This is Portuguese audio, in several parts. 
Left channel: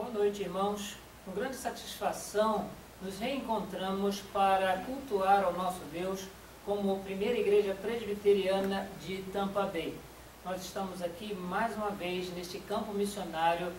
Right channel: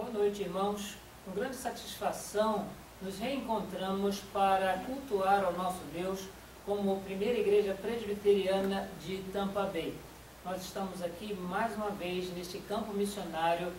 Boa noite, irmãos. Com grande satisfação, nos reencontramos para cultuar ao nosso Deus como primeira igreja presbiteriana de Tampa Bay. Nós estamos aqui mais uma vez neste campo missionário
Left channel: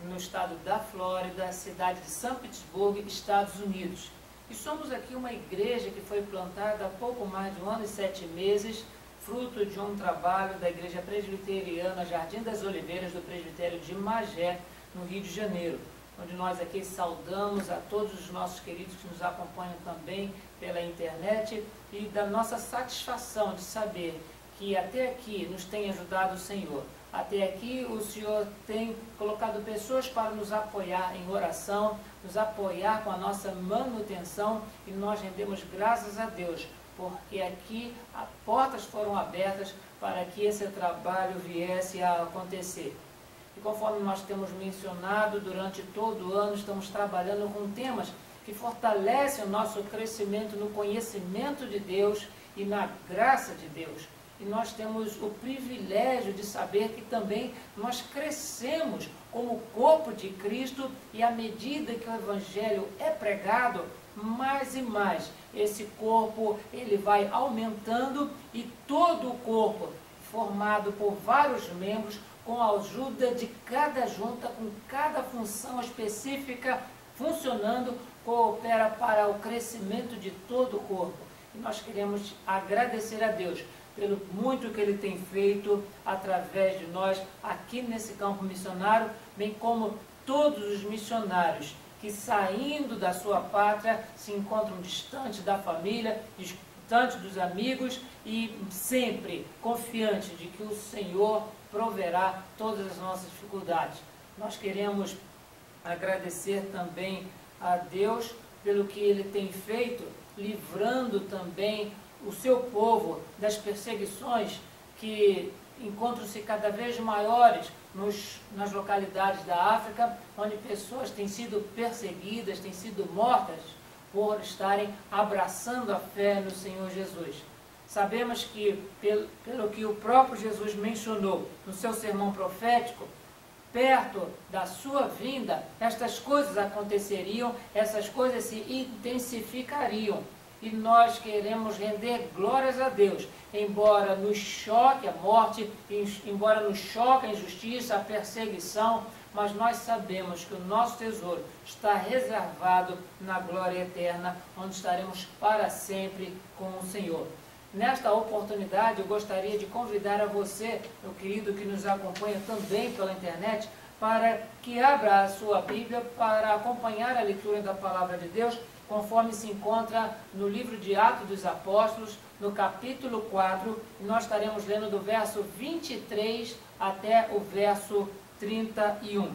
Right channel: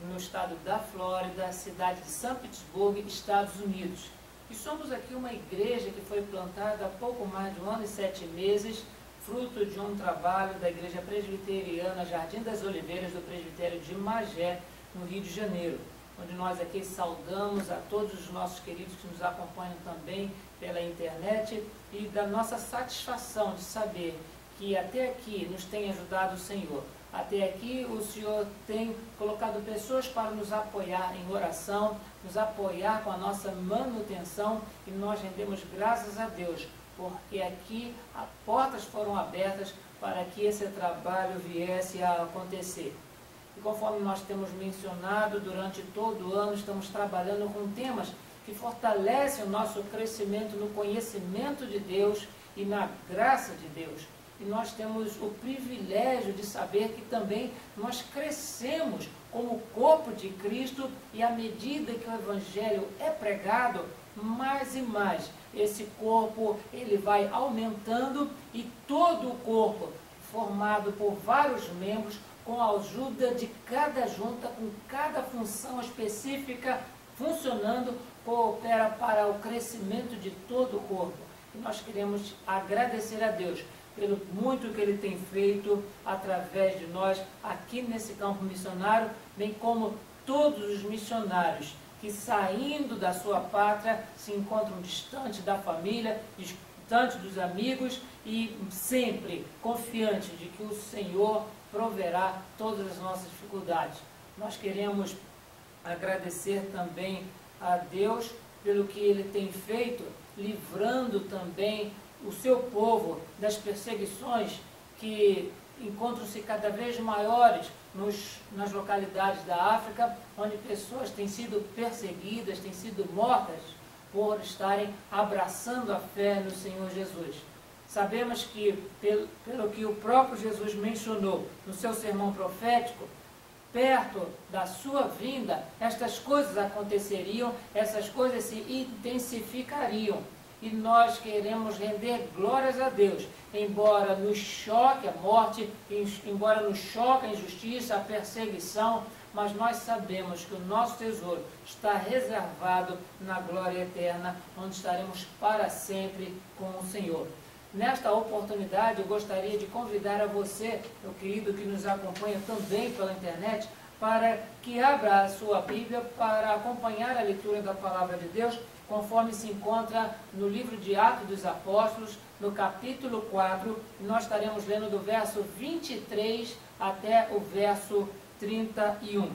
no estado da Flórida, cidade de São Petersburgo, Estados Unidos. E somos aqui uma igreja que foi plantada há pouco mais de 1 ano e 7 meses, fruto de um trabalho da Igreja Presbiteriana Jardim das Oliveiras, do Presbitério de Magé, no Rio de Janeiro, onde nós aqui saudamos a todos os nossos queridos que nos acompanham também pela internet e da nossa satisfação de saber que até aqui nos tem ajudado o Senhor. Até aqui o Senhor tem colocado pessoas para nos apoiar em oração, nos apoiar com a nossa manutenção, e nós rendemos graças a Deus, porque aqui as portas foram abertas para que esse trabalho viesse a acontecer. E conforme nós temos mencionado, durante todo o ano estamos trabalhando com temas que fortalecem o nosso crescimento no conhecimento de Deus e na graça de Deus. E nós temos o privilégio de saber que também nós crescemos como corpo de Cristo, e à medida que o Evangelho é pregado, mais e mais esse corpo ele vai aumentando, e todo o corpo, formado por vários membros, com a ajuda de cada junta, com cada função específica funcionando, coopera para o crescimento de todo o corpo. E nós queremos agradecer a Deus pelo muito que Ele tem feito através de nós aqui nesse campo missionário, bem como todos os missionários que, saindo da sua pátria, se encontram distante da família, distante dos amigos, e sempre confiante de que o Senhor proverá todas as nossas dificuldades. Nós queremos agradecer também a Deus pelo que Ele tem feito, livrando também o seu povo das perseguições que encontram-se cada vez maiores nas localidades da África, onde pessoas têm sido perseguidas, têm sido mortas por estarem abraçando a fé no Senhor Jesus. Sabemos que, pelo que o próprio Jesus mencionou no seu sermão profético, perto da sua vinda, estas coisas aconteceriam, essas coisas se intensificariam. E nós queremos render glórias a Deus, embora nos choque a morte, embora nos choque a injustiça, a perseguição, mas nós sabemos que o nosso tesouro está reservado na glória eterna, onde estaremos para sempre com o Senhor. Nesta oportunidade, eu gostaria de convidar a você, meu querido, que nos acompanha também pela internet, para que abra a sua Bíblia para acompanhar a leitura da Palavra de Deus, conforme se encontra no livro de Atos dos Apóstolos, no capítulo 4, e nós estaremos lendo do verso 23 até o verso 31.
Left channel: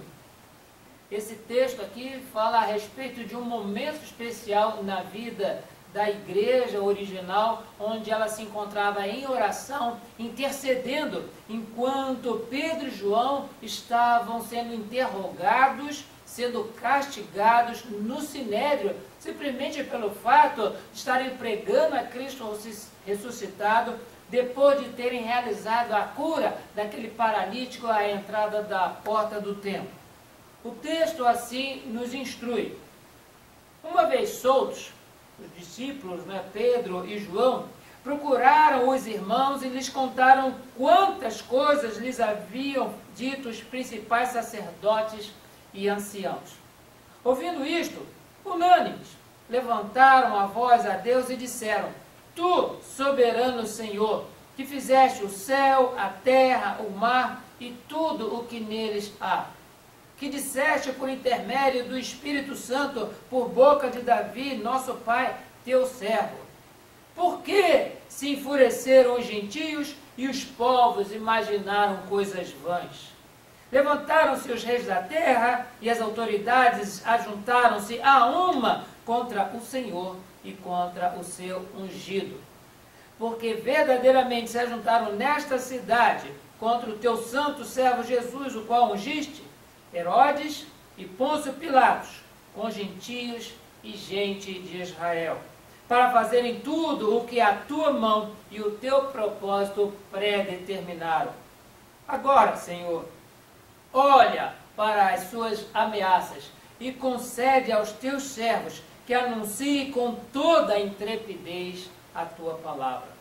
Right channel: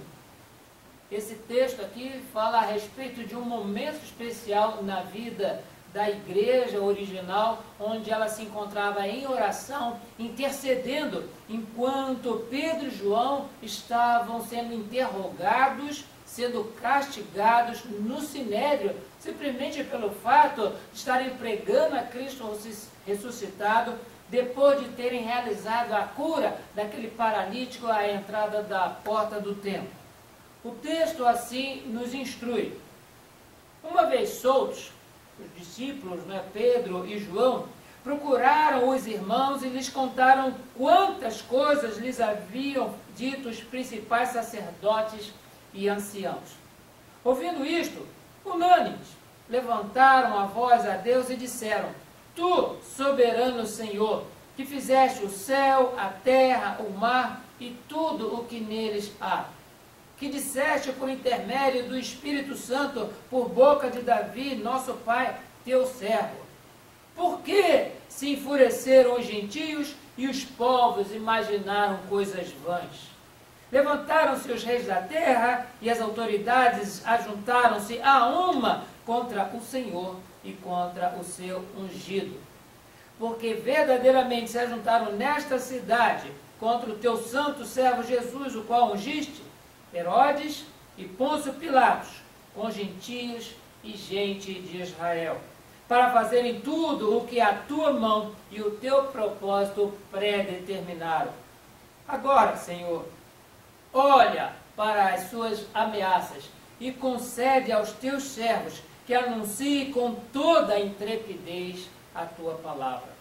Esse texto aqui fala a respeito de um momento especial na vida da igreja original, onde ela se encontrava em oração, intercedendo, enquanto Pedro e João estavam sendo interrogados, sendo castigados no Sinédrio, simplesmente pelo fato de estarem pregando a Cristo ressuscitado, depois de terem realizado a cura daquele paralítico à entrada da porta do templo. O texto assim nos instrui. Uma vez soltos, os discípulos, Pedro e João, procuraram os irmãos e lhes contaram quantas coisas lhes haviam dito os principais sacerdotes e anciãos. Ouvindo isto, unânimes, levantaram a voz a Deus e disseram: Tu, soberano Senhor, que fizeste o céu, a terra, o mar e tudo o que neles há, que disseste por intermédio do Espírito Santo, por boca de Davi, nosso pai, teu servo. Por que se enfureceram os gentios e os povos imaginaram coisas vãs? Levantaram-se os reis da terra e as autoridades ajuntaram-se a uma contra o Senhor e contra o seu ungido. Porque verdadeiramente se ajuntaram nesta cidade contra o teu santo servo Jesus, o qual ungiste, Herodes e Pôncio Pilatos, com gentios e gente de Israel, para fazerem tudo o que a tua mão e o teu propósito predeterminaram. Agora, Senhor, olha para as suas ameaças e concede aos teus servos que anunciem com toda a intrepidez a tua palavra.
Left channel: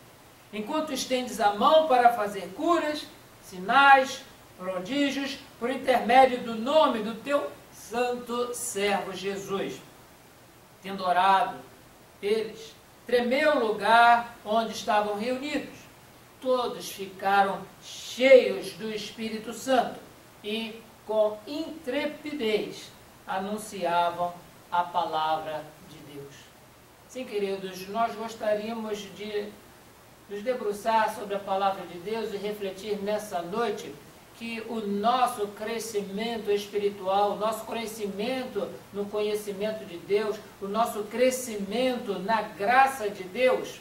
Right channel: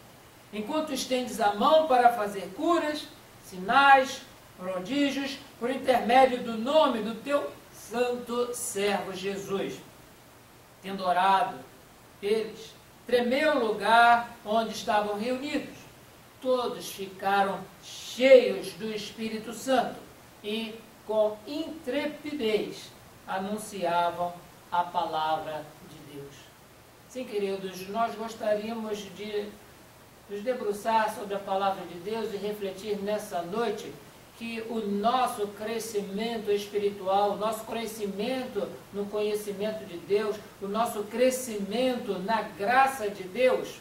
Enquanto estendes a mão para fazer curas, sinais, prodígios, por intermédio do nome do teu santo servo Jesus. Tendo orado, eles, tremeu o lugar onde estavam reunidos. Todos ficaram cheios do Espírito Santo e, com intrepidez, anunciavam a palavra de Deus. Sim, queridos, nós gostaríamos de nos debruçar sobre a palavra de Deus e refletir nessa noite que o nosso crescimento espiritual, o nosso crescimento no conhecimento de Deus, o nosso crescimento na graça de Deus,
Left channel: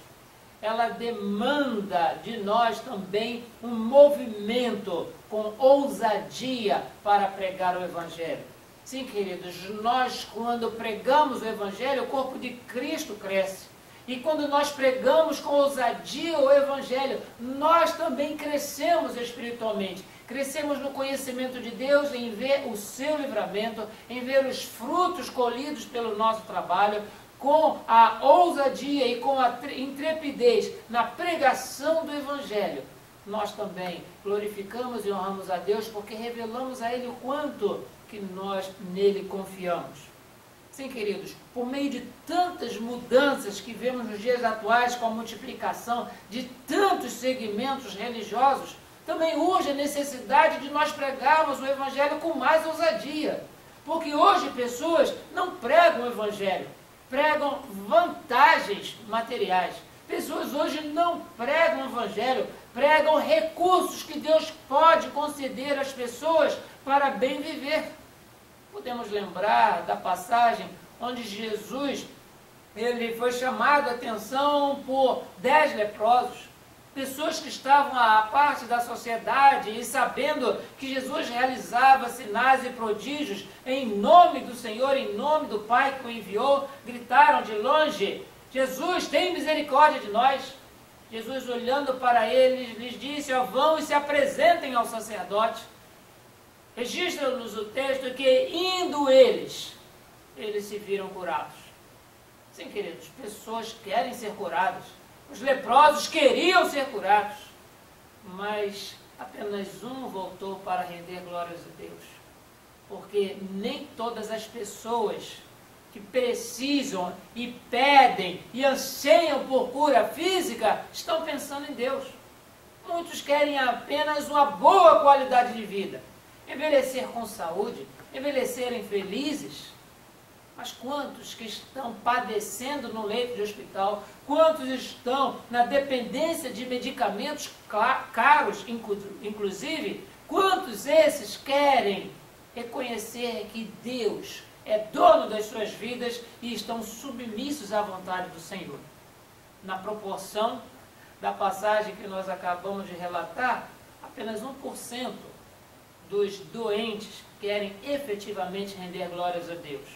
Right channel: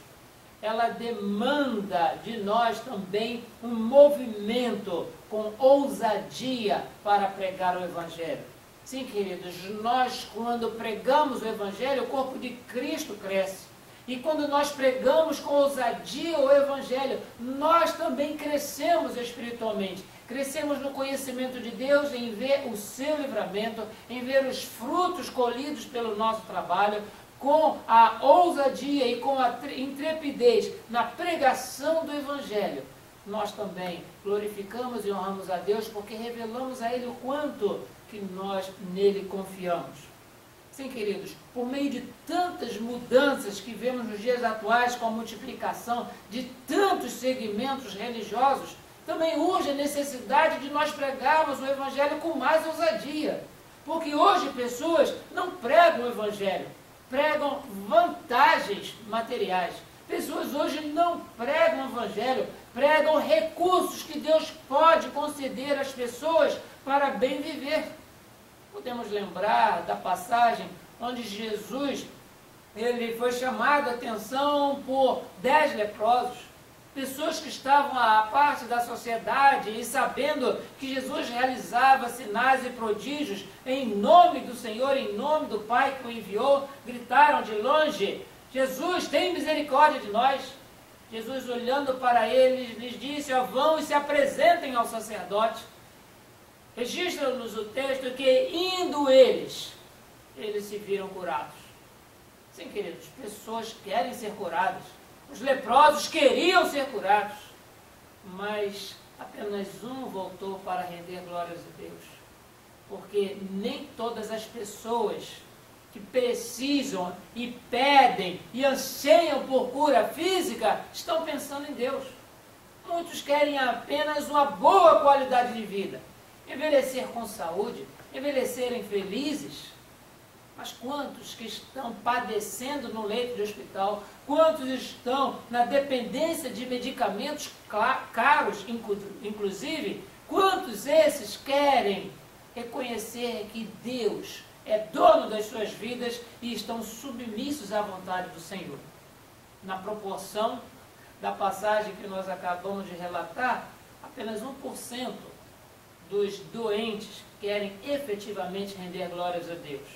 ela demanda de nós também um movimento com ousadia para pregar o Evangelho. Sim, queridos, nós quando pregamos o Evangelho, o corpo de Cristo cresce. E quando nós pregamos com ousadia o Evangelho, nós também crescemos espiritualmente. Crescemos no conhecimento de Deus, em ver o seu livramento, em ver os frutos colhidos pelo nosso trabalho, com a ousadia e com a intrepidez na pregação do Evangelho. Nós também glorificamos e honramos a Deus porque revelamos a Ele o quanto que nós nele confiamos. Sim, queridos, por meio de tantas mudanças que vemos nos dias atuais, com a multiplicação de tantos segmentos religiosos, também urge a necessidade de nós pregarmos o Evangelho com mais ousadia. Porque hoje pessoas não pregam o Evangelho, pregam vantagens materiais. Pessoas hoje não pregam o Evangelho, pregam recursos que Deus pode conceder às pessoas para bem viver. Podemos lembrar da passagem onde Jesus ele foi chamado a atenção por 10 leprosos, pessoas que estavam à parte da sociedade e sabendo que Jesus realizava sinais e prodígios em nome do Senhor, em nome do Pai que o enviou, gritaram de longe: Jesus, tem misericórdia de nós. Jesus, olhando para eles, lhes disse: vão e se apresentem ao sacerdote. Registra-nos o texto que, indo eles se viram curados. Sim, queridos, pessoas querem ser curadas. Os leprosos queriam ser curados. Mas apenas um voltou para render glórias a Deus. Porque nem todas as pessoas que precisam e pedem e anseiam por cura física estão pensando em Deus. Muitos querem apenas uma boa qualidade de vida. Envelhecer com saúde, envelhecerem felizes. Mas quantos que estão padecendo no leito de hospital, quantos estão na dependência de medicamentos caros, inclusive, quantos esses querem reconhecer que Deus é dono das suas vidas e estão submissos à vontade do Senhor? Na proporção da passagem que nós acabamos de relatar, apenas 1% dos doentes querem efetivamente render glórias a Deus.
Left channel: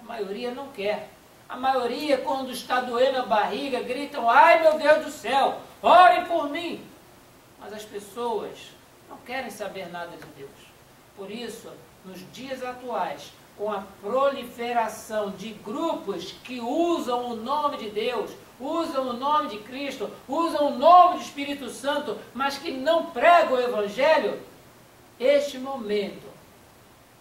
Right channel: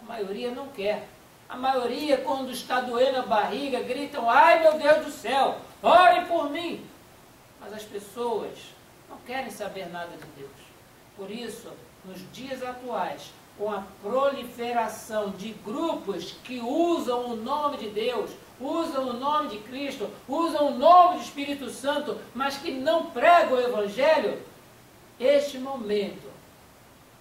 A maioria não quer. A maioria, quando está doendo a barriga, gritam: ai meu Deus do céu, orem por mim. Mas as pessoas não querem saber nada de Deus. Por isso, nos dias atuais, com a proliferação de grupos que usam o nome de Deus, usam o nome de Cristo, usam o nome do Espírito Santo, mas que não pregam o Evangelho, este momento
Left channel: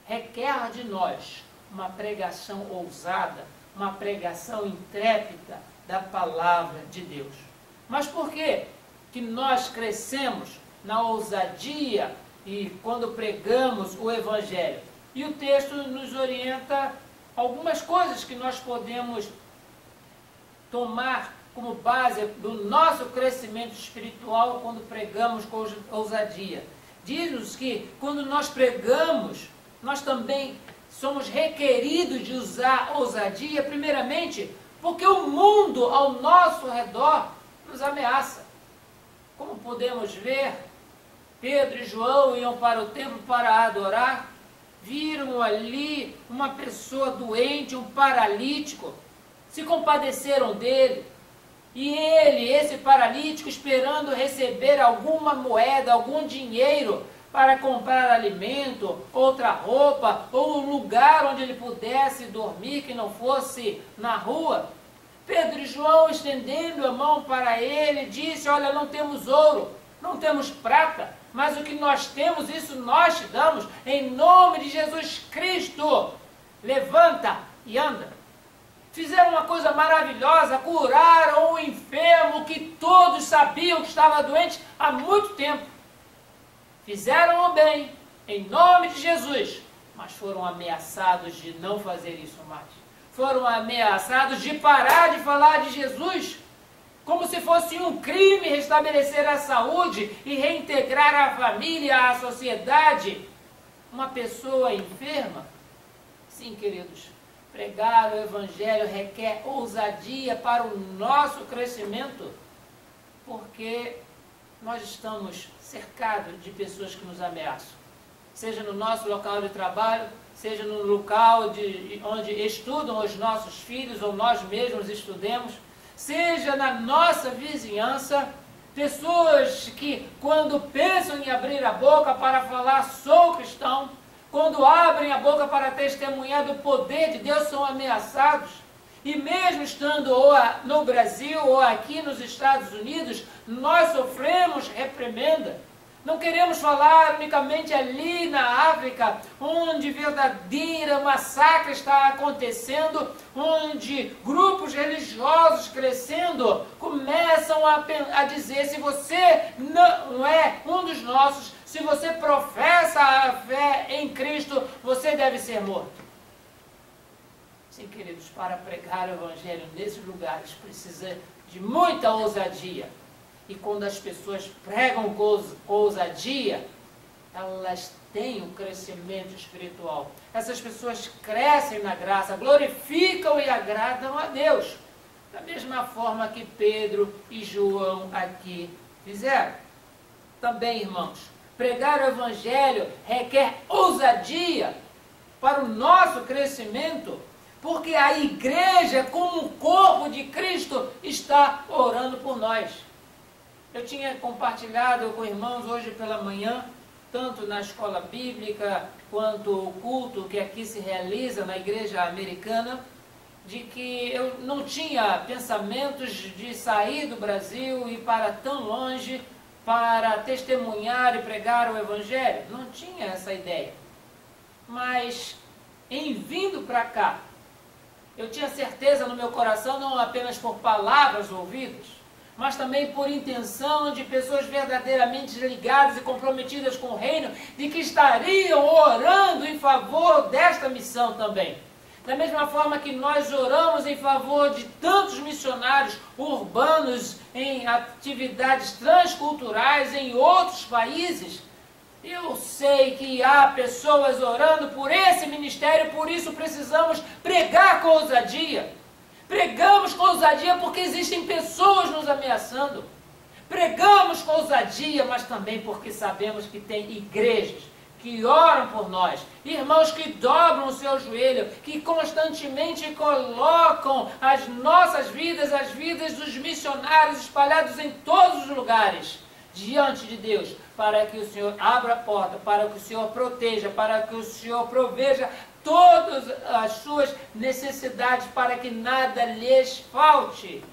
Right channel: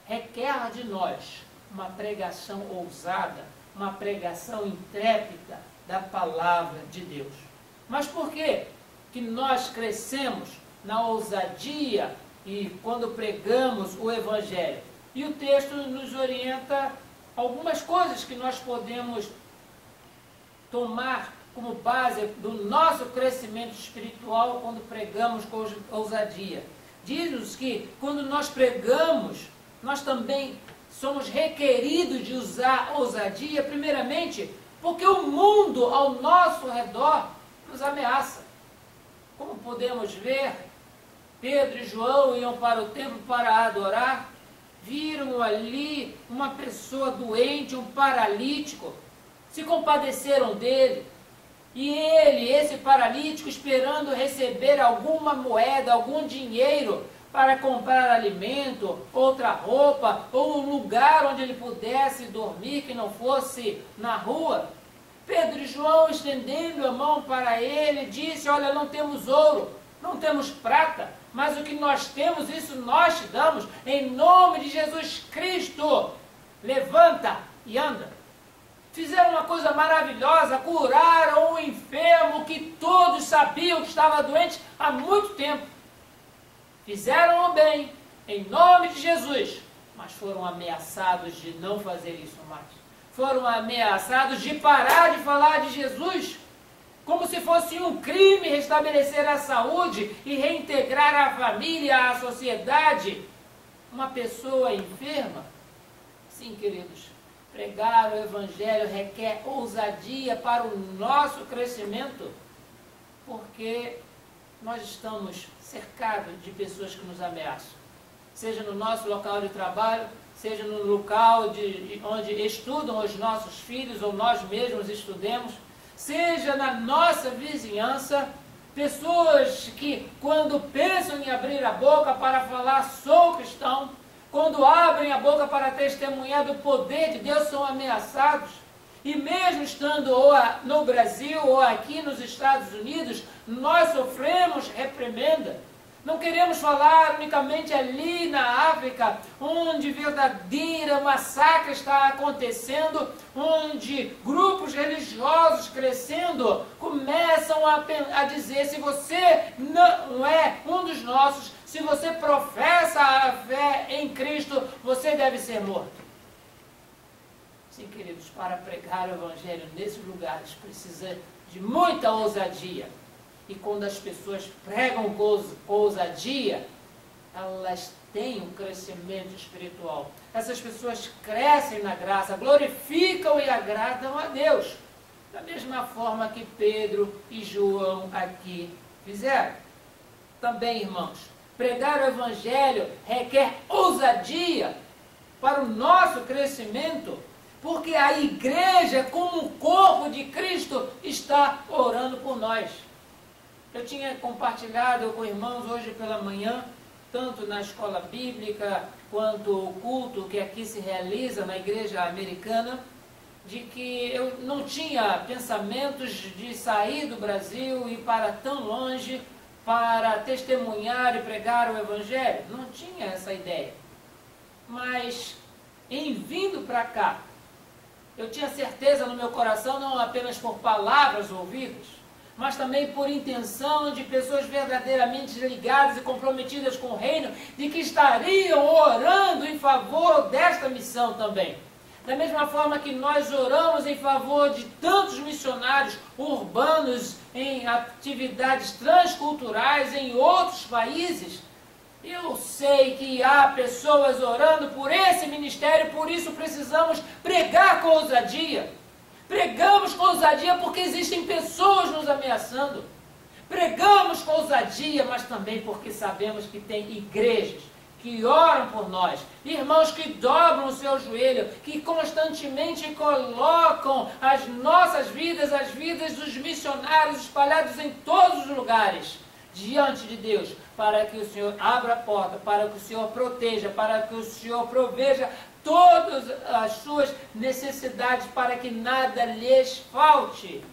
requer de nós uma pregação ousada, uma pregação intrépida da palavra de Deus. Mas por que que nós crescemos na ousadia e quando pregamos o Evangelho? E o texto nos orienta algumas coisas que nós podemos tomar como base do nosso crescimento espiritual quando pregamos com ousadia. Diz-nos que quando nós pregamos, nós também somos requeridos de usar ousadia, primeiramente, porque o mundo ao nosso redor nos ameaça. Como podemos ver, Pedro e João iam para o templo para adorar, viram ali uma pessoa doente, um paralítico, se compadeceram dele, e ele, esse paralítico, esperando receber alguma moeda, algum dinheiro, para comprar alimento, outra roupa, ou um lugar onde ele pudesse dormir que não fosse na rua. Pedro e João, estendendo a mão para ele, disse: olha, não temos ouro, não temos prata, mas o que nós temos, isso nós te damos, em nome de Jesus Cristo. Levanta e anda. Fizeram uma coisa maravilhosa, curaram um enfermo que todos sabiam que estava doente há muito tempo. Fizeram o bem, em nome de Jesus, mas foram ameaçados de não fazer isso mais. Foram ameaçados de parar de falar de Jesus, como se fosse um crime restabelecer a saúde e reintegrar a família, a sociedade. Uma pessoa enferma? Sim, queridos, pregar o Evangelho requer ousadia para o nosso crescimento, porque nós estamos cercados de pessoas que nos ameaçam. Seja no nosso local de trabalho, seja no local onde estudam os nossos filhos ou nós mesmos estudemos, seja na nossa vizinhança, pessoas que quando pensam em abrir a boca para falar sou cristão, quando abrem a boca para testemunhar do poder de Deus, são ameaçados. E mesmo estando ou no Brasil ou aqui nos Estados Unidos, nós sofremos reprimenda. Não queremos falar unicamente ali na África, onde verdadeira massacre está acontecendo, onde grupos religiosos crescendo começam a dizer: se você não é um dos nossos, se você professa a fé em Cristo, você deve ser morto. Sim, queridos, para pregar o Evangelho nesses lugares precisa de muita ousadia. E quando as pessoas pregam com ousadia, elas têm um crescimento espiritual. Essas pessoas crescem na graça, glorificam e agradam a Deus. Da mesma forma que Pedro e João aqui fizeram. Também, irmãos, pregar o Evangelho requer ousadia para o nosso crescimento, porque a igreja, como o corpo de Cristo, está orando por nós. Eu tinha compartilhado com irmãos hoje pela manhã, tanto na escola bíblica, quanto o culto que aqui se realiza na igreja americana, de que eu não tinha pensamentos de sair do Brasil e ir para tão longe para testemunhar e pregar o Evangelho. Não tinha essa ideia. Mas, em vindo para cá, eu tinha certeza no meu coração, não apenas por palavras ouvidas, mas também por intenção de pessoas verdadeiramente ligadas e comprometidas com o reino, de que estariam orando em favor desta missão também. Da mesma forma que nós oramos em favor de tantos missionários urbanos em atividades transculturais em outros países, eu sei que há pessoas orando por esse ministério, por isso precisamos pregar com ousadia. Pregamos com ousadia porque existem pessoas nos ameaçando. Pregamos com ousadia, mas também porque sabemos que tem igrejas que oram por nós, irmãos que dobram o seu joelho, que constantemente colocam as nossas vidas, as vidas dos missionários espalhados em todos os lugares, diante de Deus, para que o Senhor abra a porta, para que o Senhor proteja, para que o Senhor proveja todas as suas necessidades, para que nada lhes falte.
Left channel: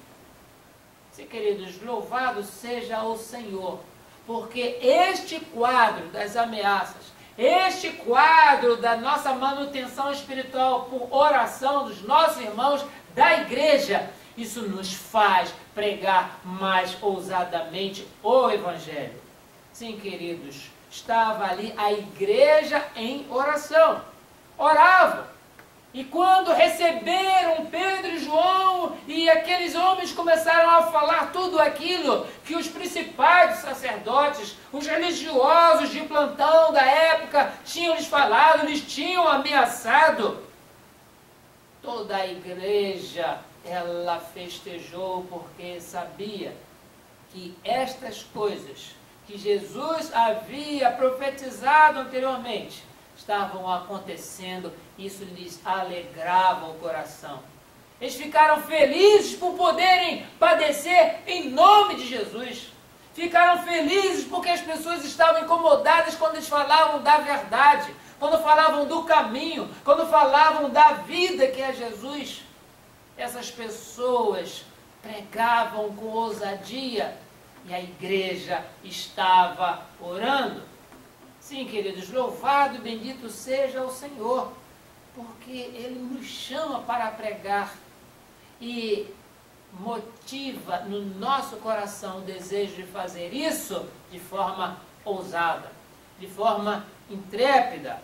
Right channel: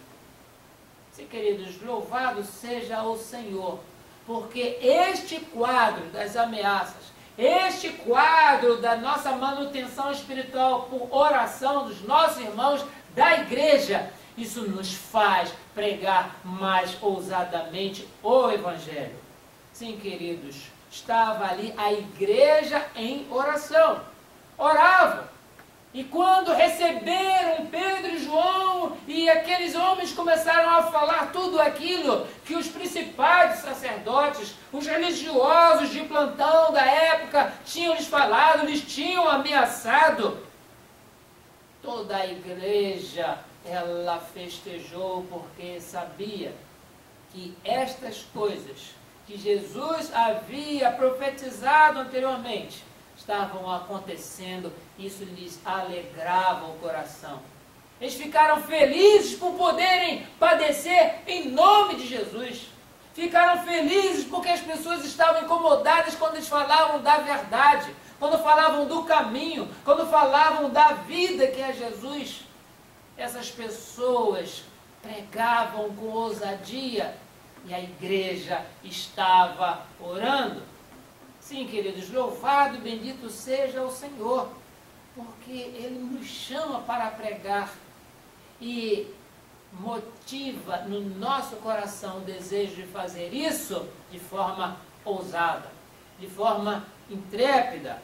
Sim, queridos, louvado seja o Senhor, porque este quadro das ameaças, este quadro da nossa manutenção espiritual por oração dos nossos irmãos da igreja, isso nos faz pregar mais ousadamente o Evangelho. Sim, queridos, estava ali a igreja em oração. Oravam. E quando receberam Pedro e João, e aqueles homens começaram a falar tudo aquilo que os principais sacerdotes, os religiosos de plantão da época tinham lhes falado, lhes tinham ameaçado, toda a igreja, ela festejou porque sabia que estas coisas que Jesus havia profetizado anteriormente estavam acontecendo, isso lhes alegrava o coração. Eles ficaram felizes por poderem padecer em nome de Jesus. Ficaram felizes porque as pessoas estavam incomodadas quando eles falavam da verdade, quando falavam do caminho, quando falavam da vida que é Jesus. Essas pessoas pregavam com ousadia e a igreja estava orando. Sim, queridos, louvado e bendito seja o Senhor, porque Ele nos chama para pregar e motiva no nosso coração o desejo de fazer isso de forma ousada, de forma intrépida.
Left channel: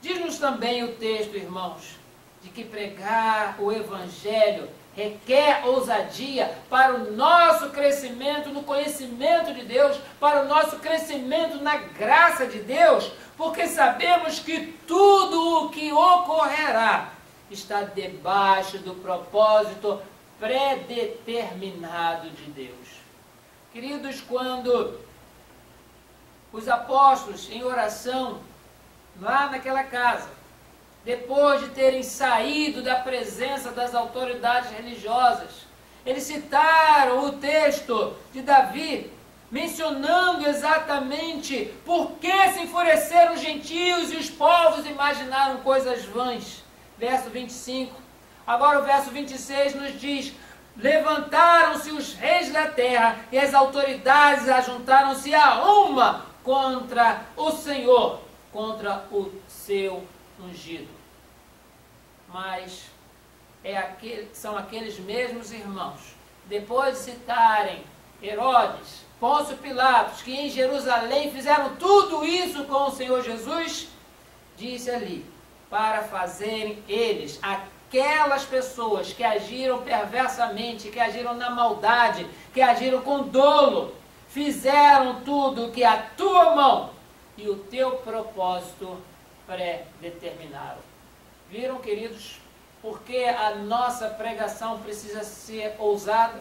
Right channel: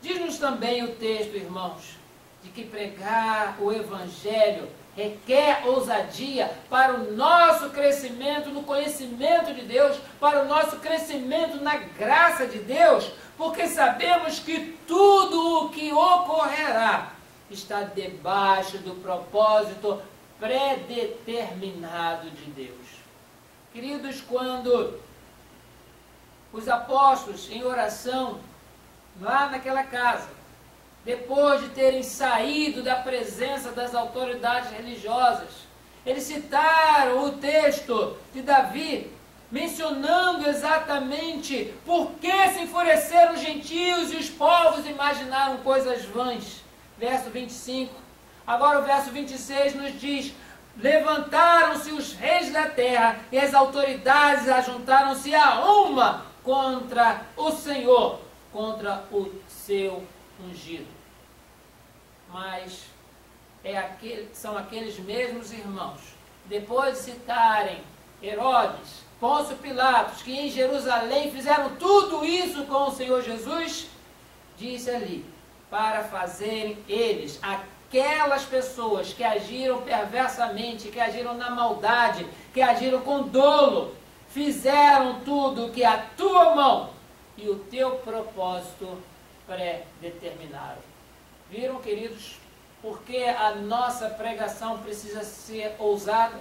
Diz-nos também o texto, irmãos, de que pregar o Evangelho requer ousadia para o nosso crescimento no conhecimento de Deus, para o nosso crescimento na graça de Deus, porque sabemos que tudo o que ocorrerá está debaixo do propósito predeterminado de Deus. Queridos, quando os apóstolos em oração, lá naquela casa, depois de terem saído da presença das autoridades religiosas, eles citaram o texto de Davi, mencionando exatamente por que se enfureceram os gentios e os povos imaginaram coisas vãs. Verso 25. Agora o verso 26 nos diz: levantaram-se os reis da terra e as autoridades ajuntaram-se a uma contra o Senhor, contra o seu ungido. Mas são aqueles mesmos irmãos, depois de citarem Herodes, Pôncio Pilatos, que em Jerusalém fizeram tudo isso com o Senhor Jesus, disse ali, para fazerem eles, aquelas pessoas que agiram perversamente, que agiram na maldade, que agiram com dolo, fizeram tudo o que a tua mão e o teu propósito pré-determinaram. Viram, queridos, porque a nossa pregação precisa ser ousada,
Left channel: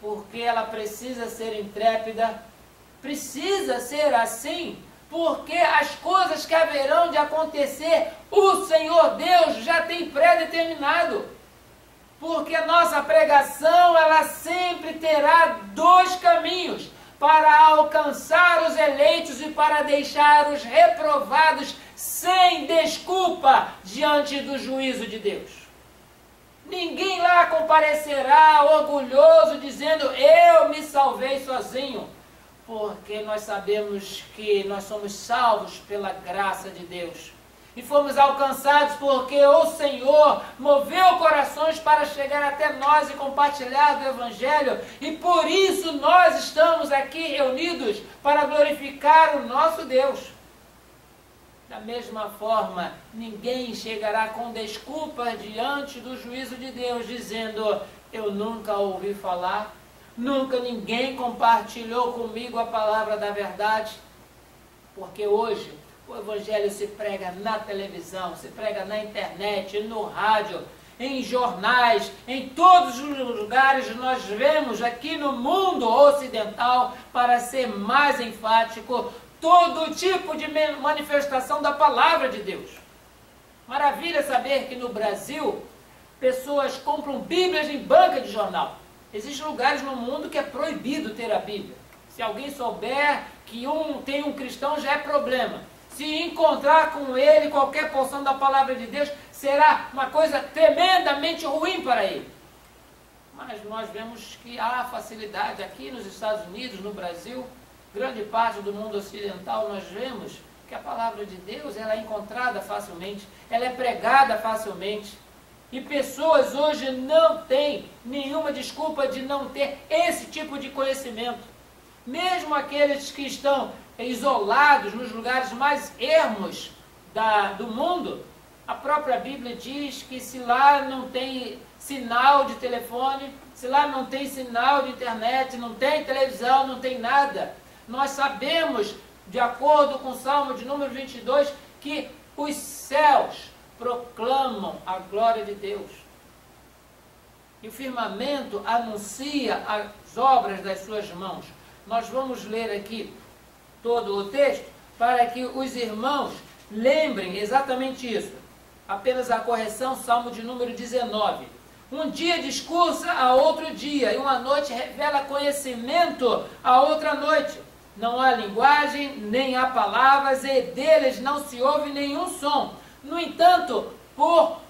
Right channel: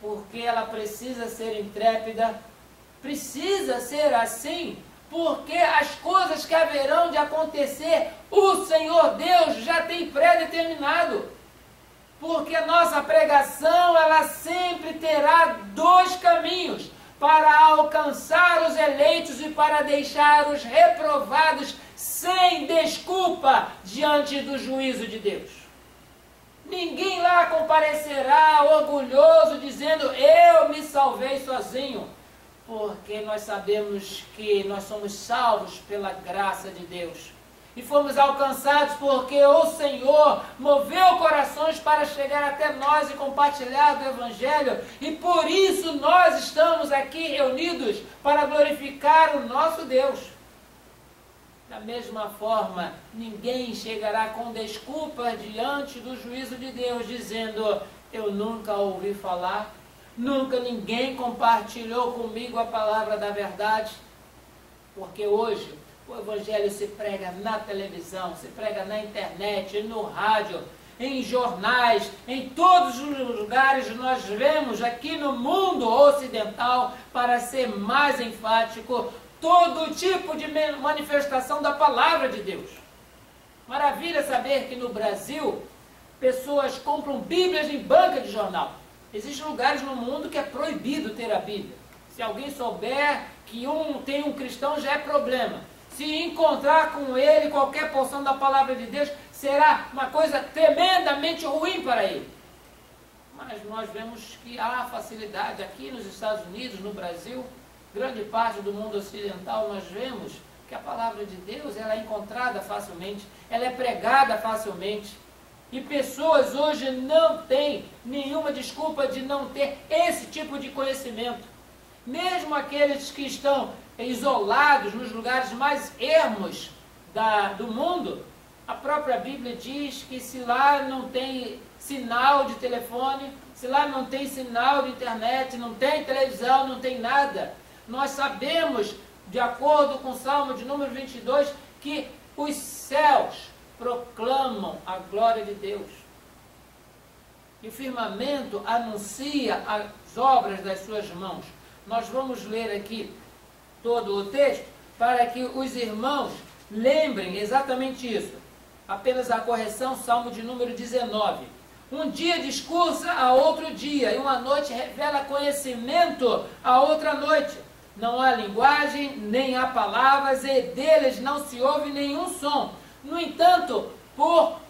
porque ela precisa ser intrépida, precisa ser assim, porque as coisas que haverão de acontecer, o Senhor Deus já tem pré-determinado. Porque a nossa pregação, ela sempre terá dois caminhos, para alcançar os eleitos e para deixar os reprovados sem desculpa diante do juízo de Deus. Ninguém lá comparecerá orgulhoso dizendo, eu me salvei sozinho, porque nós sabemos que nós somos salvos pela graça de Deus. E fomos alcançados porque o Senhor moveu corações para chegar até nós e compartilhar do Evangelho. E por isso nós estamos aqui reunidos para glorificar o nosso Deus. Da mesma forma, ninguém chegará com desculpas diante do juízo de Deus, dizendo, eu nunca ouvi falar, nunca ninguém compartilhou comigo a palavra da verdade. Porque hoje o Evangelho se prega na televisão, se prega na internet, no rádio, em jornais, em todos os lugares nós vemos aqui no mundo ocidental, para ser mais enfático, todo tipo de manifestação da palavra de Deus. Maravilha saber que no Brasil, pessoas compram Bíblias em banca de jornal. Existem lugares no mundo que é proibido ter a Bíblia. Se alguém souber que tem um cristão, já é problema. Se encontrar com ele qualquer porção da palavra de Deus, será uma coisa tremendamente ruim para ele. Mas nós vemos que há facilidade aqui nos Estados Unidos, no Brasil, grande parte do mundo ocidental, nós vemos que a palavra de Deus ela é encontrada facilmente, ela é pregada facilmente. E pessoas hoje não têm nenhuma desculpa de não ter esse tipo de conhecimento. Mesmo aqueles que estão isolados nos lugares mais ermos do mundo, a própria Bíblia diz que se lá não tem sinal de telefone, se lá não tem sinal de internet, não tem televisão, não tem nada, nós sabemos, de acordo com o Salmo de número 22, que os céus proclamam a glória de Deus. E o firmamento anuncia as obras das suas mãos. Nós vamos ler aqui todo o texto para que os irmãos lembrem exatamente isso. Apenas a correção, Salmo de número 19. Um dia discursa a outro dia, e uma noite revela conhecimento a outra noite. Não há linguagem, nem há palavras, e deles não se ouve nenhum som. No entanto, por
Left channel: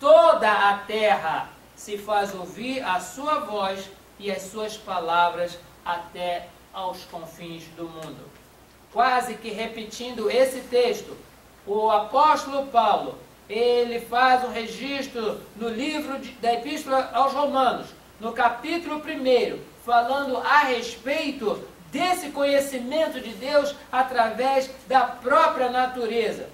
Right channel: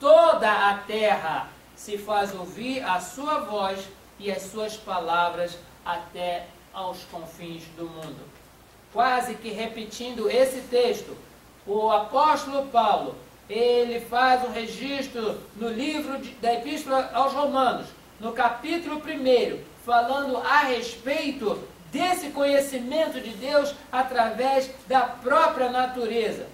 toda a terra se faz ouvir a sua voz e as suas palavras até aos confins do mundo. Quase que repetindo esse texto, o apóstolo Paulo, ele faz um registro no livro da Epístola aos Romanos, no capítulo 1, falando a respeito desse conhecimento de Deus através da própria natureza.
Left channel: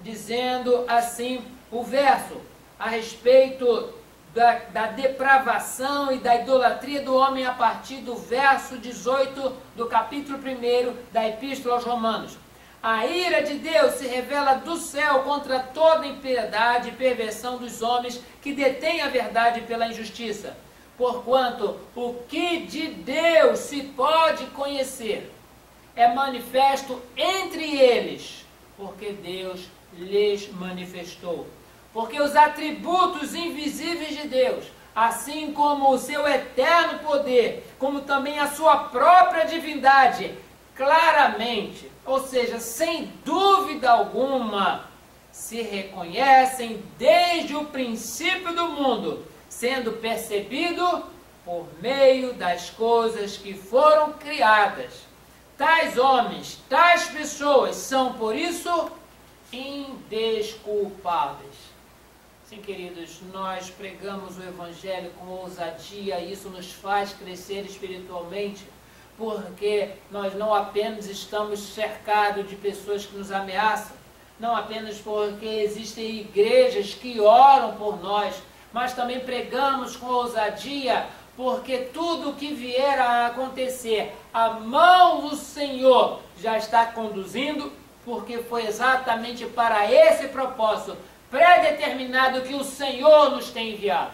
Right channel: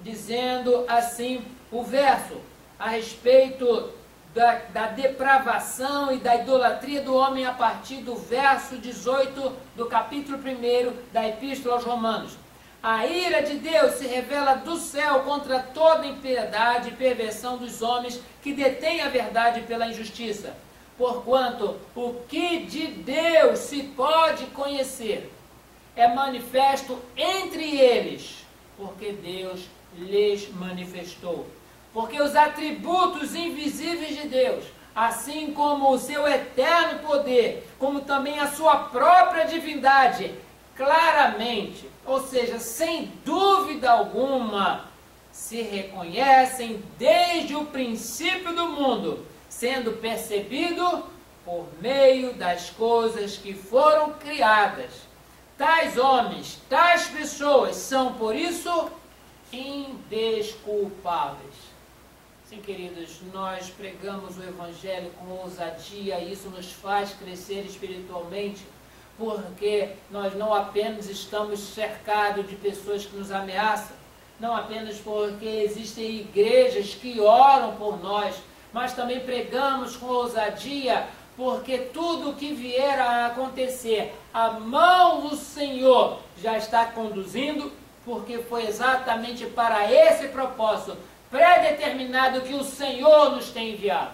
Dizendo assim o verso, a respeito da depravação e da idolatria do homem a partir do verso 18 do capítulo 1 da Epístola aos Romanos. A ira de Deus se revela do céu contra toda impiedade e perversão dos homens que detêm a verdade pela injustiça. Porquanto o que de Deus se pode conhecer é manifesto entre eles, porque Deus lhes manifestou. Porque os atributos invisíveis de Deus, assim como o seu eterno poder, como também a sua própria divindade, claramente, ou seja, sem dúvida alguma, se reconhecem desde o princípio do mundo, sendo percebido por meio das coisas que foram criadas. Tais homens, tais pessoas são, por isso, indesculpáveis. Sim, queridos, nós pregamos o Evangelho com ousadia e isso nos faz crescer espiritualmente, porque nós não apenas estamos cercados de pessoas que nos ameaçam, não apenas porque existem igrejas que oram por nós, mas também pregamos com ousadia, porque tudo o que vier a acontecer, a mão do Senhor já está conduzindo, porque foi exatamente para esse propósito pré-determinado que o Senhor nos tem enviado,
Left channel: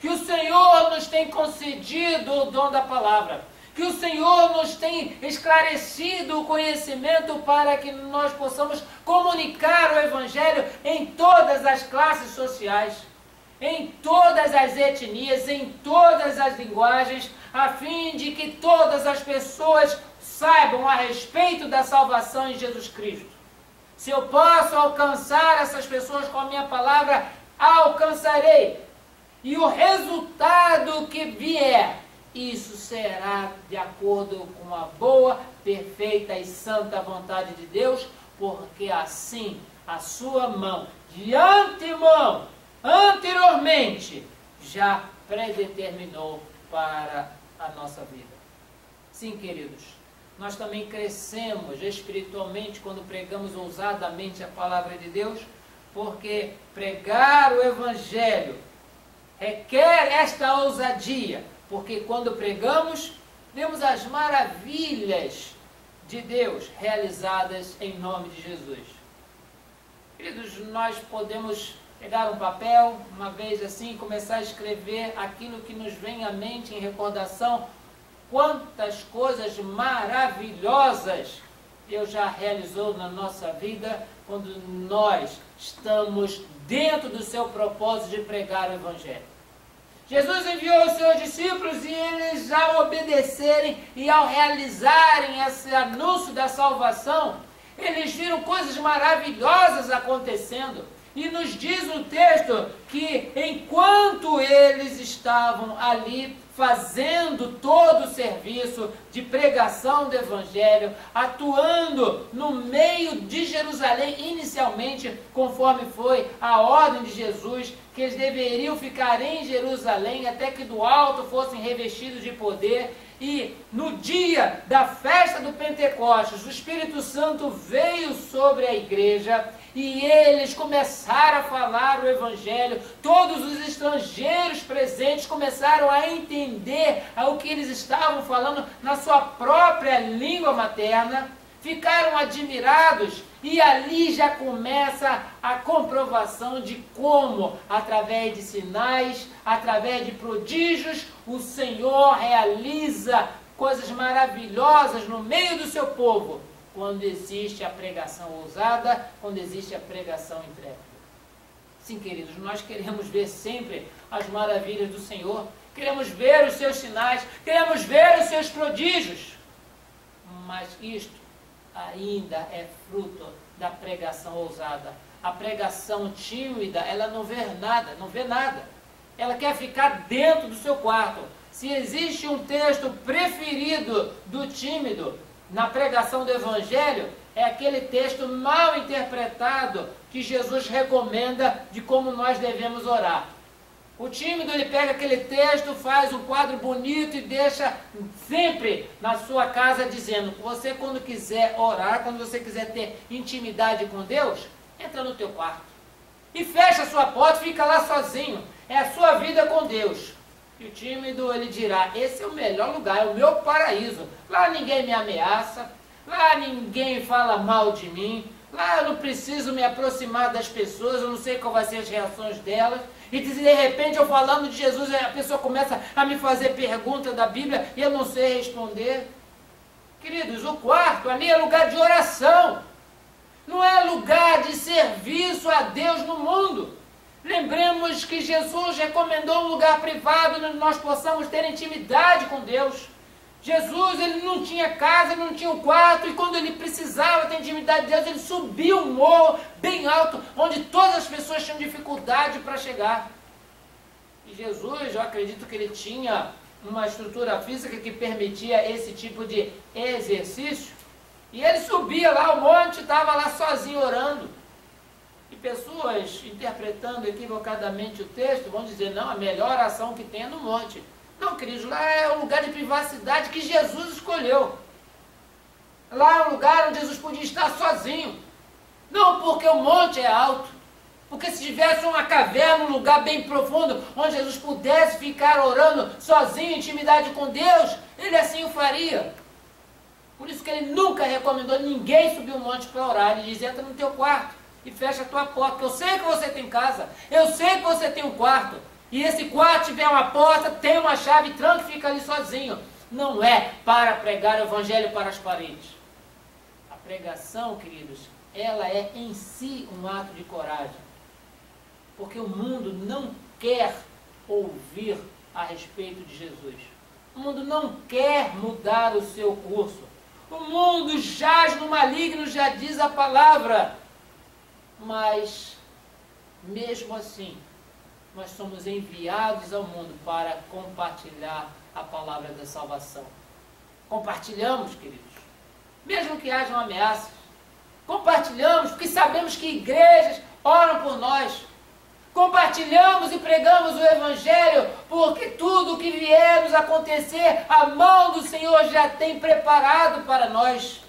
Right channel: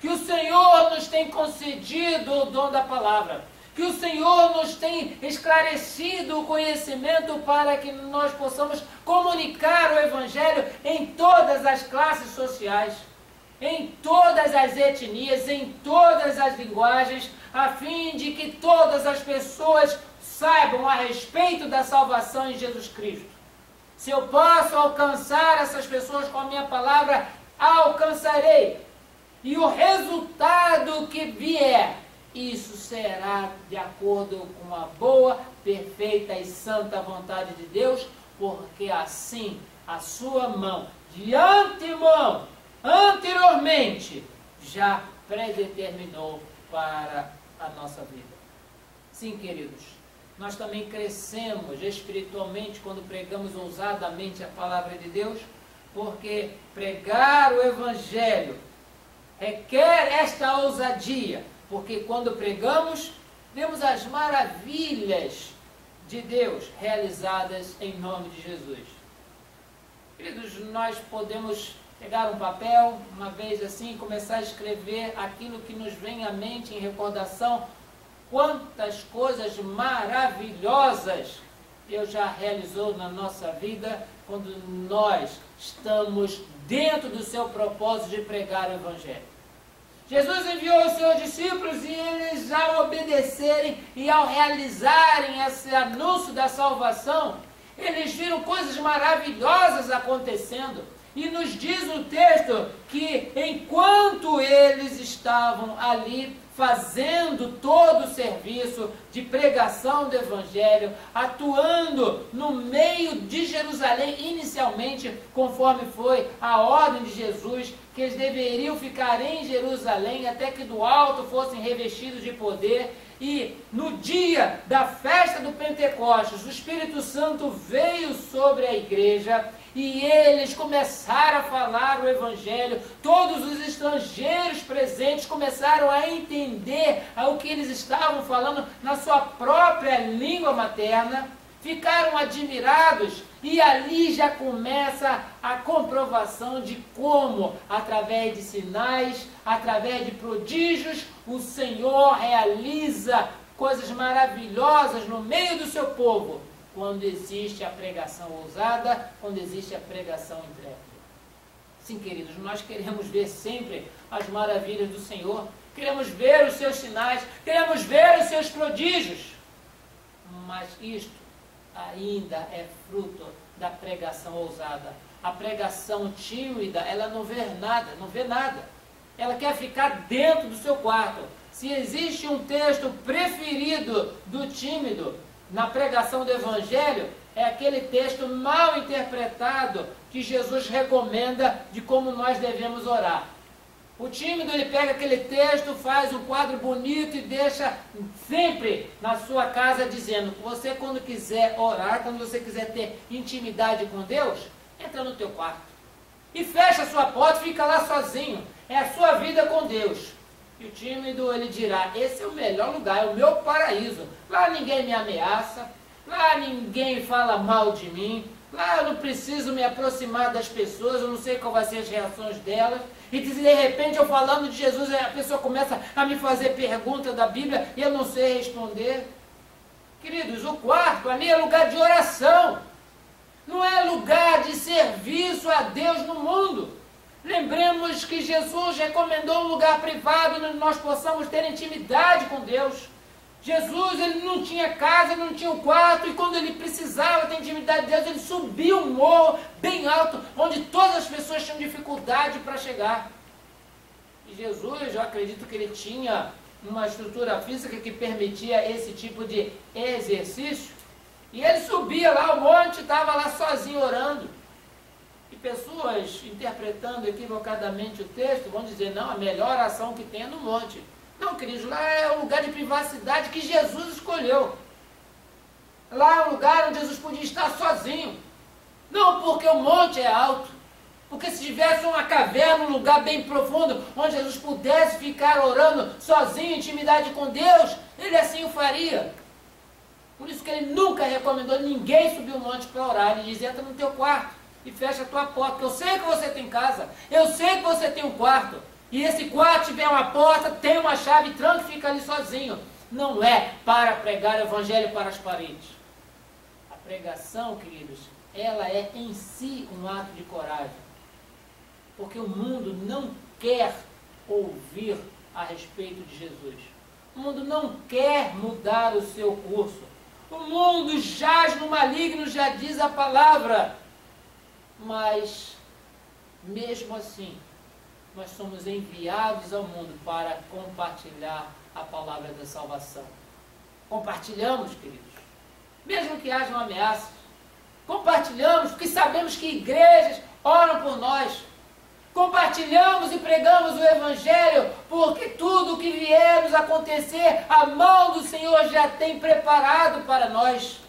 que o Senhor nos tem concedido o dom da palavra, que o Senhor nos tem esclarecido o conhecimento para que nós possamos comunicar o Evangelho em todas as classes sociais, em todas as etnias, em todas as linguagens, a fim de que todas as pessoas saibam a respeito da salvação em Jesus Cristo. Se eu posso alcançar essas pessoas com a minha palavra, alcançarei. E o resultado que vier, isso será de acordo com a boa, perfeita e santa vontade de Deus, porque assim a sua mão, de antemão, anteriormente, já predeterminou para a nossa vida. Sim, queridos, nós também crescemos espiritualmente quando pregamos ousadamente a palavra de Deus, porque pregar o Evangelho requer esta ousadia, porque quando pregamos, vemos as maravilhas de Deus realizadas em nome de Jesus. Queridos, nós podemos pegar um papel, uma vez assim, começar a escrever aquilo que nos vem à mente em recordação. Quantas coisas maravilhosas Deus já realizou na nossa vida quando nós estamos dentro do seu propósito de pregar o Evangelho. Jesus enviou os seus discípulos e eles, ao obedecerem e ao realizarem esse anúncio da salvação, eles viram coisas maravilhosas acontecendo. E nos diz o texto que enquanto eles estavam ali fazendo todo o serviço de pregação do Evangelho, atuando no meio de Jerusalém, inicialmente, conforme foi a ordem de Jesus, que eles deveriam ficar em Jerusalém até que do alto fossem revestidos de poder. E no dia da festa do Pentecostes, o Espírito Santo veio sobre a igreja e eles começaram a falar o Evangelho. Todos os estrangeiros presentes começaram a entender o que eles estavam falando na sua própria língua materna. Ficaram admirados e ali já começa a comprovação de como, através de sinais, através de prodígios, o Senhor realiza coisas maravilhosas no meio do seu povo, quando existe a pregação ousada, quando existe a pregação intrépida. Sim, queridos, nós queremos ver sempre as maravilhas do Senhor, queremos ver os seus sinais, queremos ver os seus prodígios. Mas isto ainda é fruto da pregação ousada. A pregação tímida, ela não vê nada. Ela quer ficar dentro do seu quarto. Se existe um texto preferido do tímido na pregação do Evangelho, é aquele texto mal interpretado que Jesus recomenda de como nós devemos orar. O tímido, ele pega aquele texto, faz um quadro bonito e deixa sempre na sua casa dizendo, você quando quiser orar, quando você quiser ter intimidade com Deus, entra no teu quarto. E fecha a sua porta, fica lá sozinho. É a sua vida com Deus. E o tímido, ele dirá, esse é o melhor lugar, é o meu paraíso. Lá ninguém me ameaça, lá ninguém fala mal de mim, lá eu não preciso me aproximar das pessoas, eu não sei qual vai ser as reações delas. E de repente eu falando de Jesus, a pessoa começa a me fazer pergunta da Bíblia e eu não sei responder. Queridos, o quarto ali é lugar de oração. Não é lugar de serviço a Deus no mundo. Lembremos que Jesus recomendou um lugar privado onde nós possamos ter intimidade com Deus. Jesus, ele não tinha casa, ele não tinha um quarto, e quando ele precisava ter intimidade de Deus, ele subia um morro bem alto, onde todas as pessoas tinham dificuldade para chegar. E Jesus, eu acredito que ele tinha uma estrutura física que permitia esse tipo de exercício, e ele subia lá o monte, estava lá sozinho orando. E pessoas interpretando equivocadamente o texto vão dizer, não, a melhor oração que tem é no monte. Não, queridos, lá é um lugar de privacidade que Jesus escolheu. Lá é um lugar onde Jesus podia estar sozinho. Não porque o monte é alto, porque se tivesse uma caverna, um lugar bem profundo, onde Jesus pudesse ficar orando sozinho, em intimidade com Deus, ele assim o faria. Por isso que ele nunca recomendou ninguém subir o monte para orar. Ele diz, entra no teu quarto e fecha a tua porta, porque eu sei que você tem casa, eu sei que você tem um quarto, e esse quarto tiver uma porta, tem uma chave, tranca e fica ali sozinho. Não é para pregar o Evangelho para as paredes. A pregação, queridos, ela é em si um ato de coragem, porque o mundo não quer ouvir a respeito de Jesus. O mundo não quer mudar o seu curso. O mundo jaz no maligno, já diz a palavra. Mas, mesmo assim, nós somos enviados ao mundo para compartilhar a palavra da salvação. Compartilhamos, queridos, mesmo que hajam ameaças. Compartilhamos, porque sabemos que igrejas oram por nós. Compartilhamos e pregamos o Evangelho, porque tudo o que vier nos acontecer, a mão do Senhor já tem preparado para nós.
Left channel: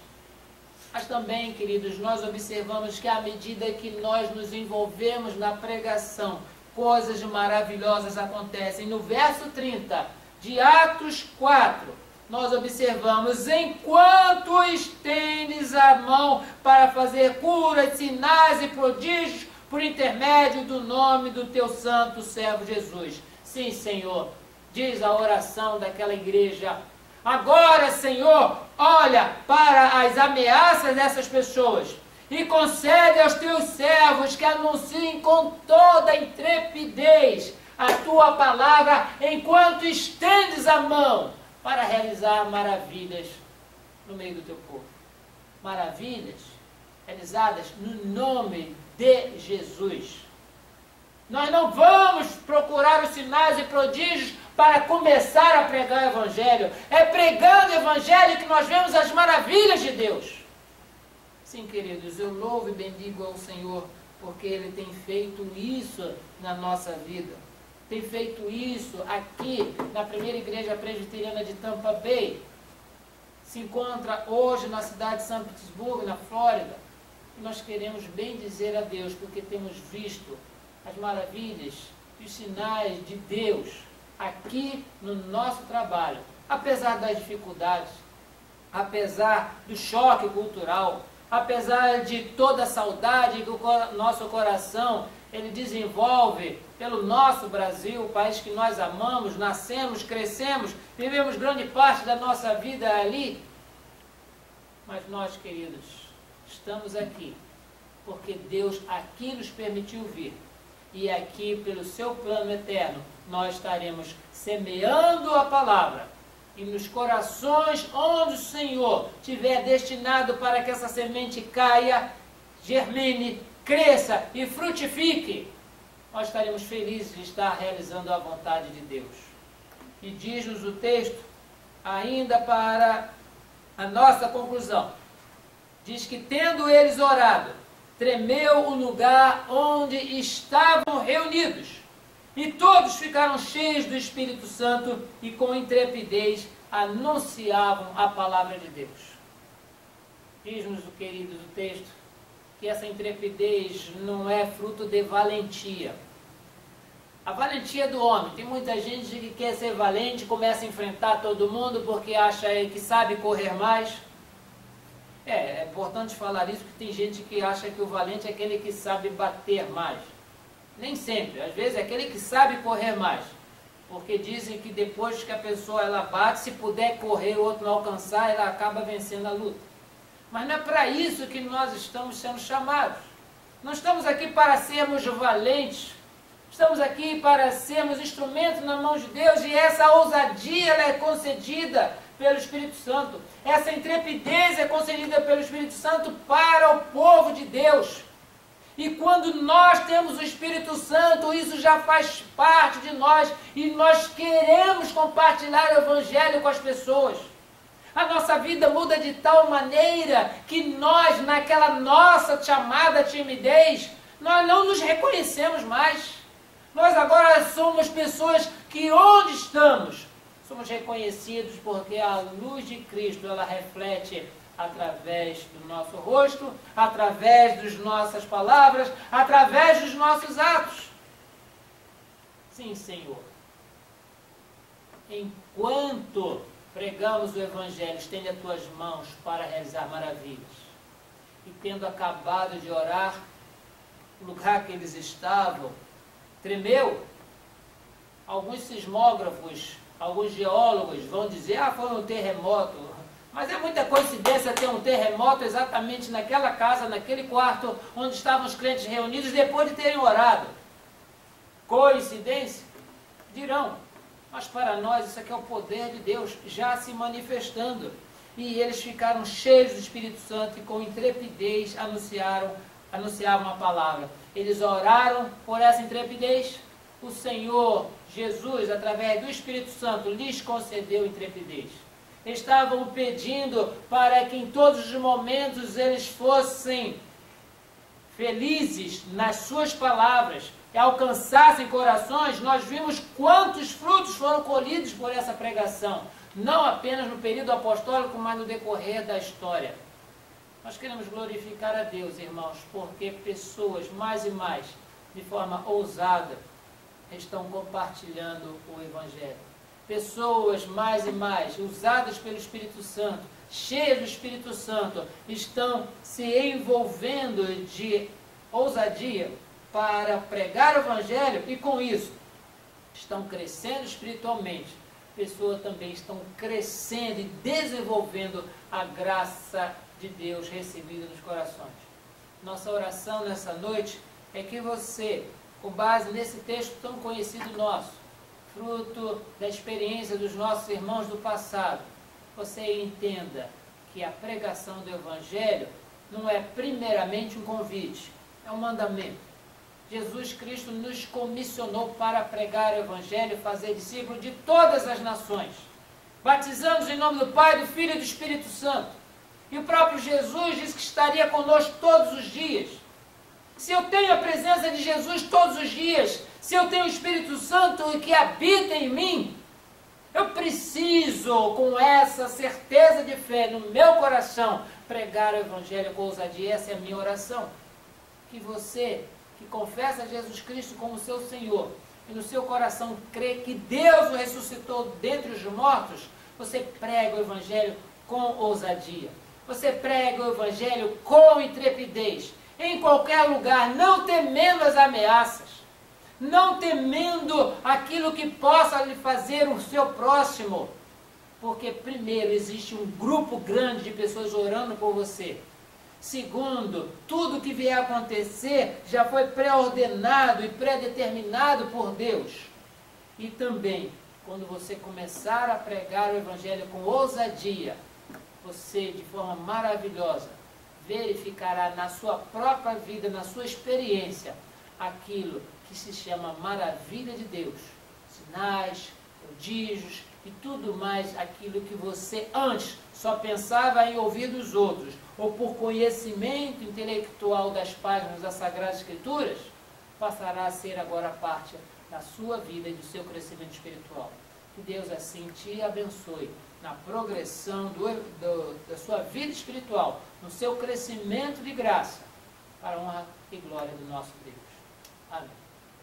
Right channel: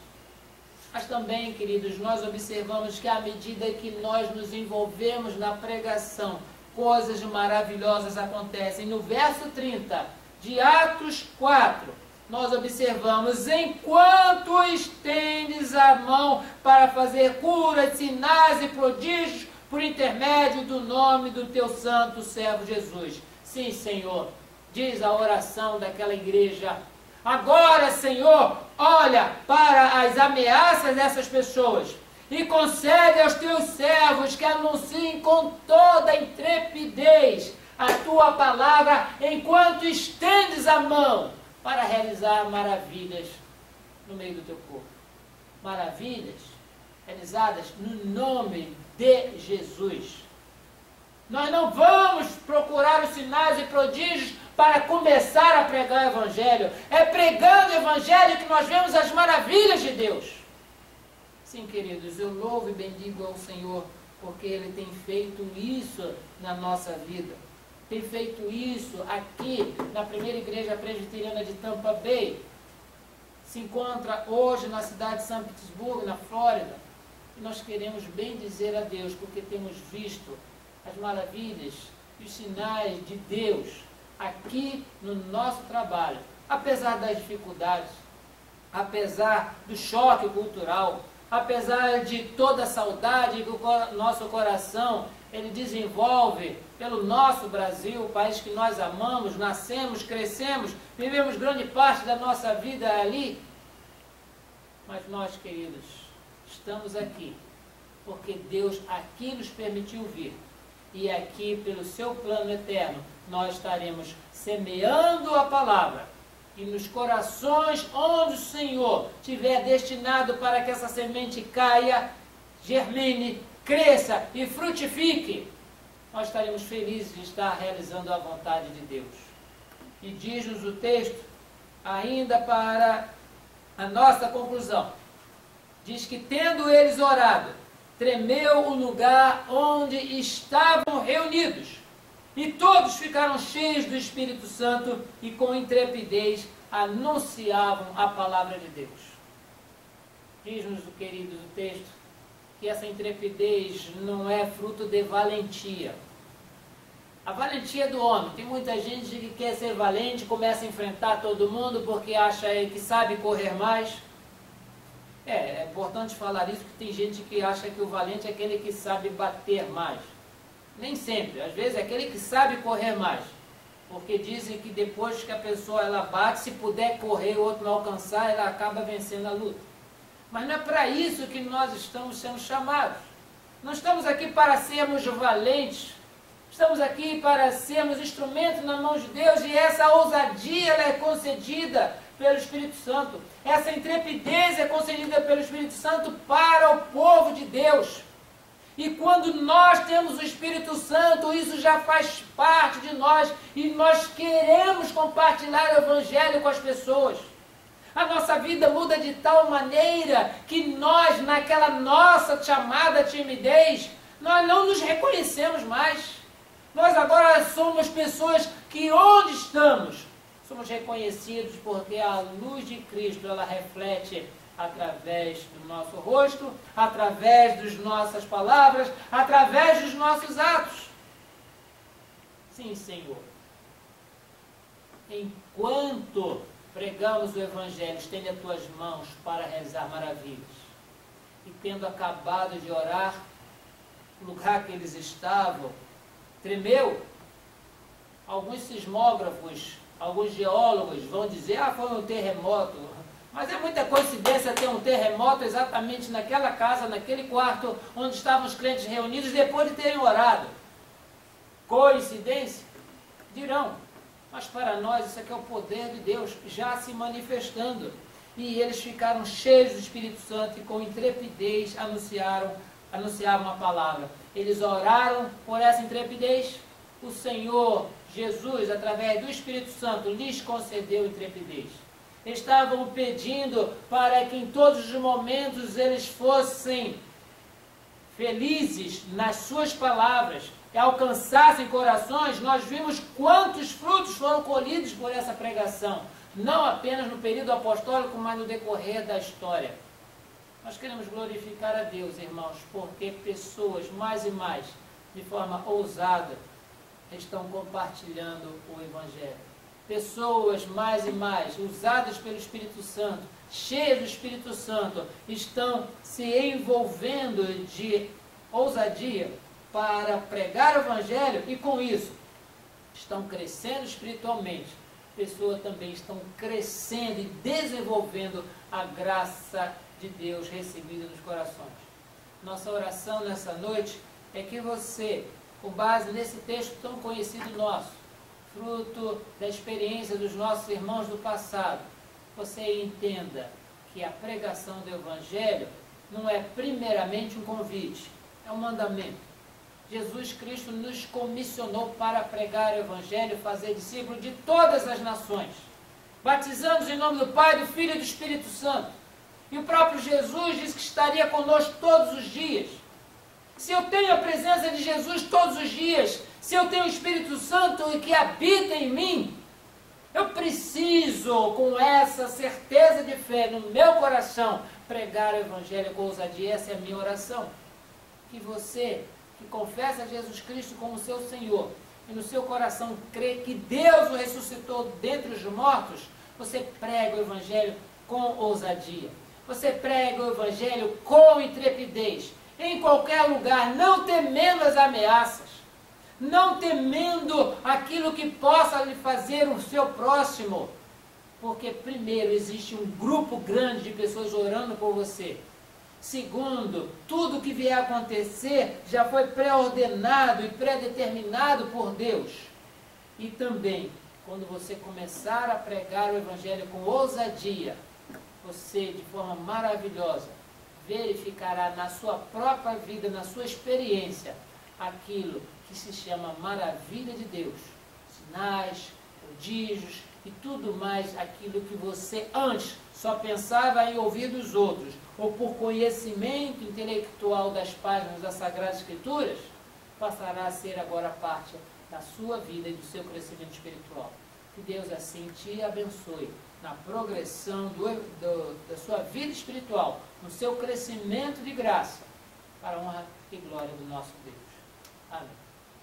Mas também, queridos, nós observamos que à medida que nós nos envolvemos na pregação, coisas maravilhosas acontecem. No verso 30 de Atos 4, nós observamos, enquanto estendes a mão para fazer curas, sinais e prodígios, por intermédio do nome do teu santo servo Jesus. Sim, Senhor, diz a oração daquela igreja. Agora, Senhor, olha para as ameaças dessas pessoas e concede aos teus servos que anunciem com toda intrepidez a tua palavra enquanto estendes a mão para realizar maravilhas no meio do teu povo. Maravilhas realizadas no nome de Jesus. Nós não vamos procurar os sinais e prodígios para começar a pregar o Evangelho. É pregando o Evangelho que nós vemos as maravilhas de Deus. Sim, queridos, eu louvo e bendigo ao Senhor, porque Ele tem feito isso na nossa vida. Tem feito isso aqui na primeira igreja presbiteriana de Tampa Bay. Se encontra hoje na cidade de São Petersburgo, na Flórida. E nós queremos bem dizer a Deus, porque temos visto as maravilhas e os sinais de Deus aqui no nosso trabalho. Apesar das dificuldades, apesar do choque cultural, apesar de toda a saudade que o nosso coração ele desenvolve pelo nosso Brasil, o país que nós amamos, nascemos, crescemos, vivemos grande parte da nossa vida ali. Mas nós, queridos, estamos aqui porque Deus aqui nos permitiu vir. e aqui, pelo seu plano eterno, nós estaremos semeando a palavra. E nos corações onde o Senhor tiver destinado para que essa semente caia, germine, cresça e frutifique, nós estaremos felizes de estar realizando a vontade de Deus. E diz-nos o texto, ainda para a nossa conclusão, diz que tendo eles orado, tremeu o lugar onde estavam reunidos, e todos ficaram cheios do Espírito Santo e com intrepidez anunciavam a palavra de Deus. Diz-nos, queridos, o texto, que essa intrepidez não é fruto de valentia. A valentia do homem. Tem muita gente que quer ser valente, começa a enfrentar todo mundo porque acha que sabe correr mais. É importante falar isso, porque tem gente que acha que o valente é aquele que sabe bater mais. Nem sempre. Às vezes é aquele que sabe correr mais. Porque dizem que depois que a pessoa ela bate, se puder correr e o outro não alcançar, ela acaba vencendo a luta. Mas não é para isso que nós estamos sendo chamados. Não estamos aqui para sermos valentes. Estamos aqui para sermos instrumentos na mão de Deus, e essa ousadia ela é concedida pelo Espírito Santo. Essa intrepidez é concedida pelo Espírito Santo para o povo de Deus. E quando nós temos o Espírito Santo, isso já faz parte de nós, e nós queremos compartilhar o Evangelho com as pessoas. A nossa vida muda de tal maneira que nós, naquela nossa chamada timidez, nós não nos reconhecemos mais. Nós agora somos pessoas que onde estamos, somos reconhecidos porque a luz de Cristo, ela reflete através do nosso rosto, através das nossas palavras, através dos nossos atos. Sim, Senhor. Enquanto pregamos o Evangelho, estende as tuas mãos para realizar maravilhas. E tendo acabado de orar, o lugar que eles estavam tremeu. Alguns sismógrafos, alguns geólogos vão dizer, foi um terremoto. Mas é muita coincidência ter um terremoto exatamente naquela casa, naquele quarto, onde estavam os crentes reunidos depois de terem orado. Coincidência? Dirão. Mas para nós isso aqui é o poder de Deus já se manifestando. E eles ficaram cheios do Espírito Santo e com intrepidez anunciavam a palavra. Eles oraram por essa intrepidez. O Senhor Jesus, através do Espírito Santo, lhes concedeu intrepidez. Estavam pedindo para que em todos os momentos eles fossem felizes nas suas palavras e alcançassem corações. Nós vimos quantos frutos foram colhidos por essa pregação, não apenas no período apostólico, mas no decorrer da história. Nós queremos glorificar a Deus, irmãos, porque pessoas mais e mais, de forma ousada, estão compartilhando o Evangelho. Pessoas mais e mais, usadas pelo Espírito Santo, cheias do Espírito Santo, estão se envolvendo de ousadia para pregar o Evangelho e com isso estão crescendo espiritualmente. Pessoas também estão crescendo e desenvolvendo a graça de Deus recebida nos corações. Nossa oração nessa noite é que você, com base nesse texto tão conhecido nosso, fruto da experiência dos nossos irmãos do passado, você entenda que a pregação do Evangelho não é primeiramente um convite, é um mandamento. Jesus Cristo nos comissionou para pregar o Evangelho e fazer discípulos de todas as nações, batizando-os em nome do Pai, do Filho e do Espírito Santo. E o próprio Jesus disse que estaria conosco todos os dias. Se eu tenho a presença de Jesus todos os dias, se eu tenho o Espírito Santo que habita em mim, eu preciso, com essa certeza de fé no meu coração, pregar o Evangelho com ousadia. Essa é a minha oração. Que você, que confessa Jesus Cristo como seu Senhor, e no seu coração crê que Deus o ressuscitou dentre os mortos, você prega o Evangelho com ousadia. Você prega o Evangelho com intrepidez, em qualquer lugar, não temendo as ameaças, não temendo aquilo que possa lhe fazer o seu próximo, porque primeiro existe um grupo grande de pessoas orando por você. Segundo, tudo que vier a acontecer já foi pré-ordenado e pré-determinado por Deus. E também, quando você começar a pregar o Evangelho com ousadia, você, de forma maravilhosa, verificará na sua própria vida, na sua experiência, aquilo que se chama maravilha de Deus. Sinais, prodígios e tudo mais, aquilo que você antes só pensava em ouvir dos outros, ou por conhecimento intelectual das páginas das Sagradas Escrituras, passará a ser agora parte da sua vida e do seu crescimento espiritual. Que Deus assim te abençoe na progressão da sua vida espiritual, no seu crescimento de graça, para a honra e glória do nosso Deus. Amém.